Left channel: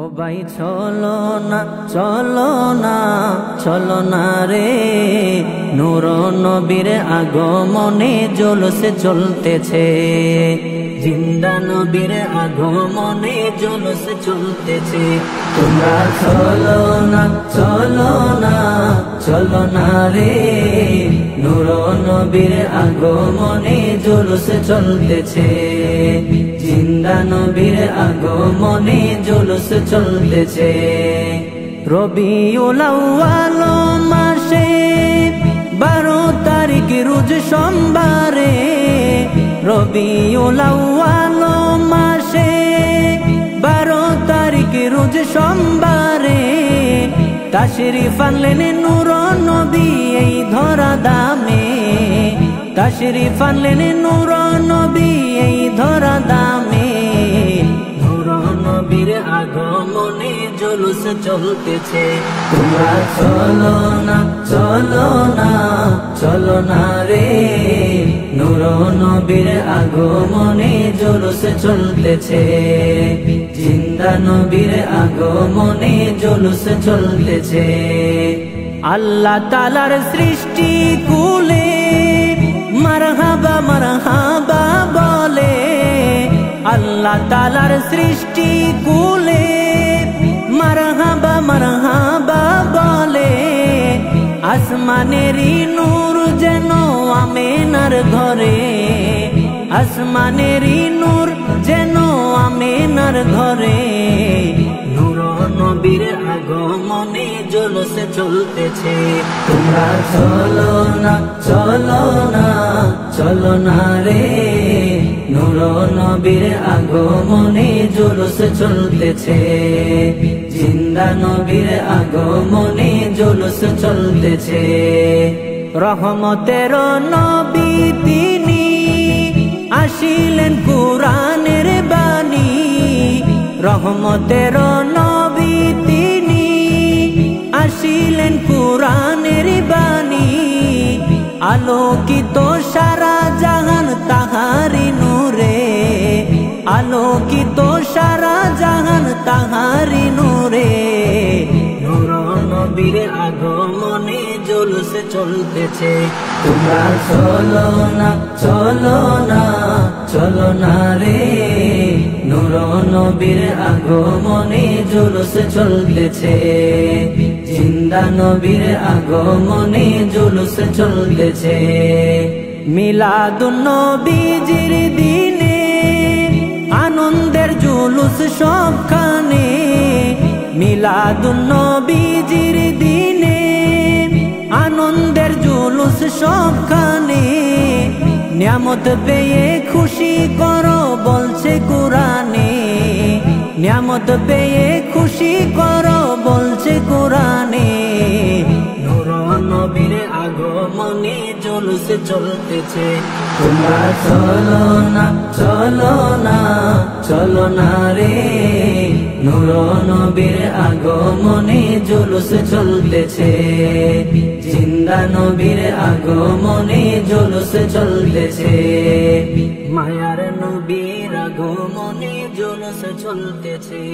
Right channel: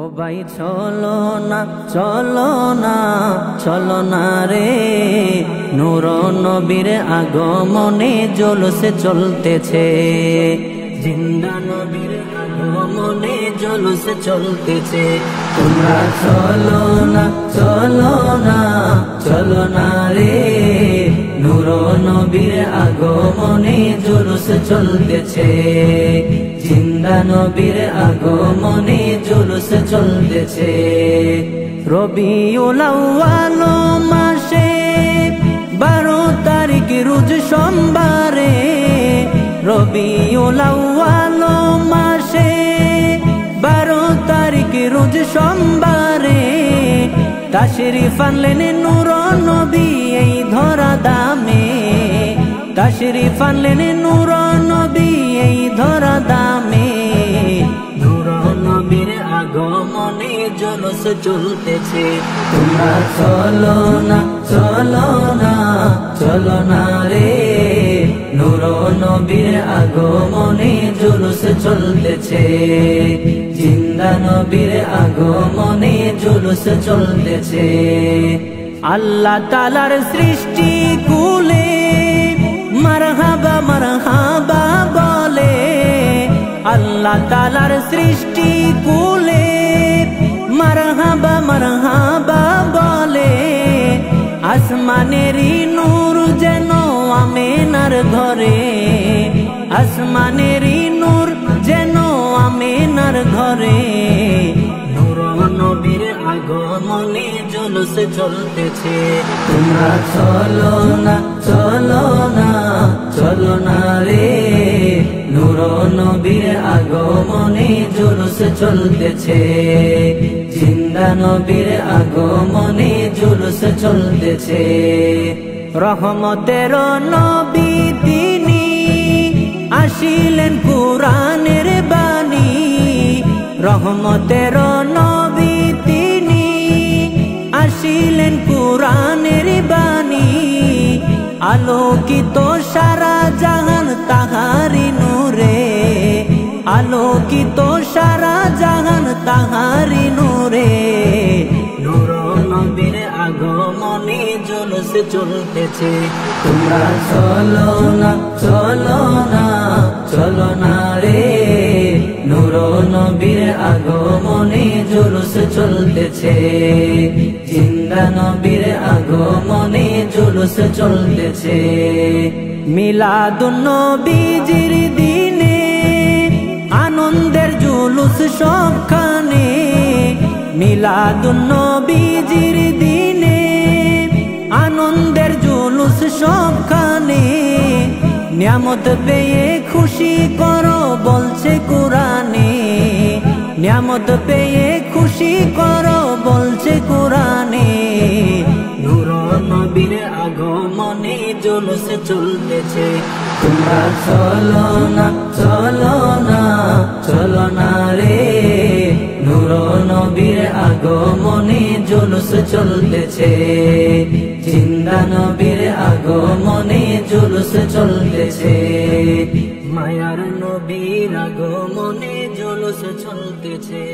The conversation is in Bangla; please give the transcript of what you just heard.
ও ভাই চলো না চলো না চলো না রে, নূর নবীর আগমনে জলসে চলতেছে। জিন্দা নবীর আগমনে জলসে চলতেছে। তোমরা চলো না চলো না চলো না রে, নূর নবীর আগমনে জলসে চলতেছে। জিন্দা নবীর আগমনে জলসে চলতেছে। রবিউল আউয়াল মাসে 12 তারিখ রোজ সোমবারে, রবিউল আউয়াল মাসে 12 তারিখ রোজ সোমবারে, তাশরিফ আনলেন নূর নবী এই ধরা দামে। তাশরিফ আনলেন নূর নবী এই ধরা দামে। নূর নবীর আগমনে জলস চলতেছে। তোমরা চলো না চলো না চলো না রে, নূর নবীর আগমনে জলস চলতেছে। জিন্দা নবীর আগমনে জলস চলতেছে। আল্লাহ তাআলার সৃষ্টি কুলে মারহাবা মারহাবা বলে, আল্লাহ তাআলার সৃষ্টি কুলে মারহাবা মারহাবা বলে। আসমানেরই নূর যেন আমেনার ঘরে, আসমানেরই নূর যেন আমেনার ঘরে। নূর নবীর আগমনে জলসে চলতেছে। তোমরা চলো না চলো না চলো না রে, নূর নবীর আগমনে জলসে চলতেছে। জিন্দা নবীর আগমনে জলসে চলতেছে। রহমতের নবী তিনি আসিলেন কুরআনের বাণী, রহমতের নবী তিনি আসিলেন কুরআনের বাণী। আলোকিত সারা জাহান তাহারি নূরে, আলোকিত সারা জাহান তাহারি নূরে। নূর নবীর আগমনে জলসে চলতেছে। তোমরা চলো না চলো না চলো না রে, নূর নবীর আগমনে জলসে চলতেছে। জিন্দা নবীর আগমনে জলসে চলতেছে। মিলাদুন নবীজির দিনে আনন্দের জুলুস সবখানে, মিলাদুন নবীজির দিনে আনন্দের জুলুস সবখানে। নিয়ামত পেয়ে খুশি করো বলছে কুরআনে, নিয়ামত পেয়ে খুশি করো বলছে কুরআনে। নূর নবীর আগমনে জলসে চলতেছে। তোমরা চলো না চলো না চলো না রে, নূর নবীর আগমনে জলসে চলতেছে। জিন্দা নবীর আগমনে জলসে চলতেছে। মায়ার নবীর আগমনে জলসে চলতেছে।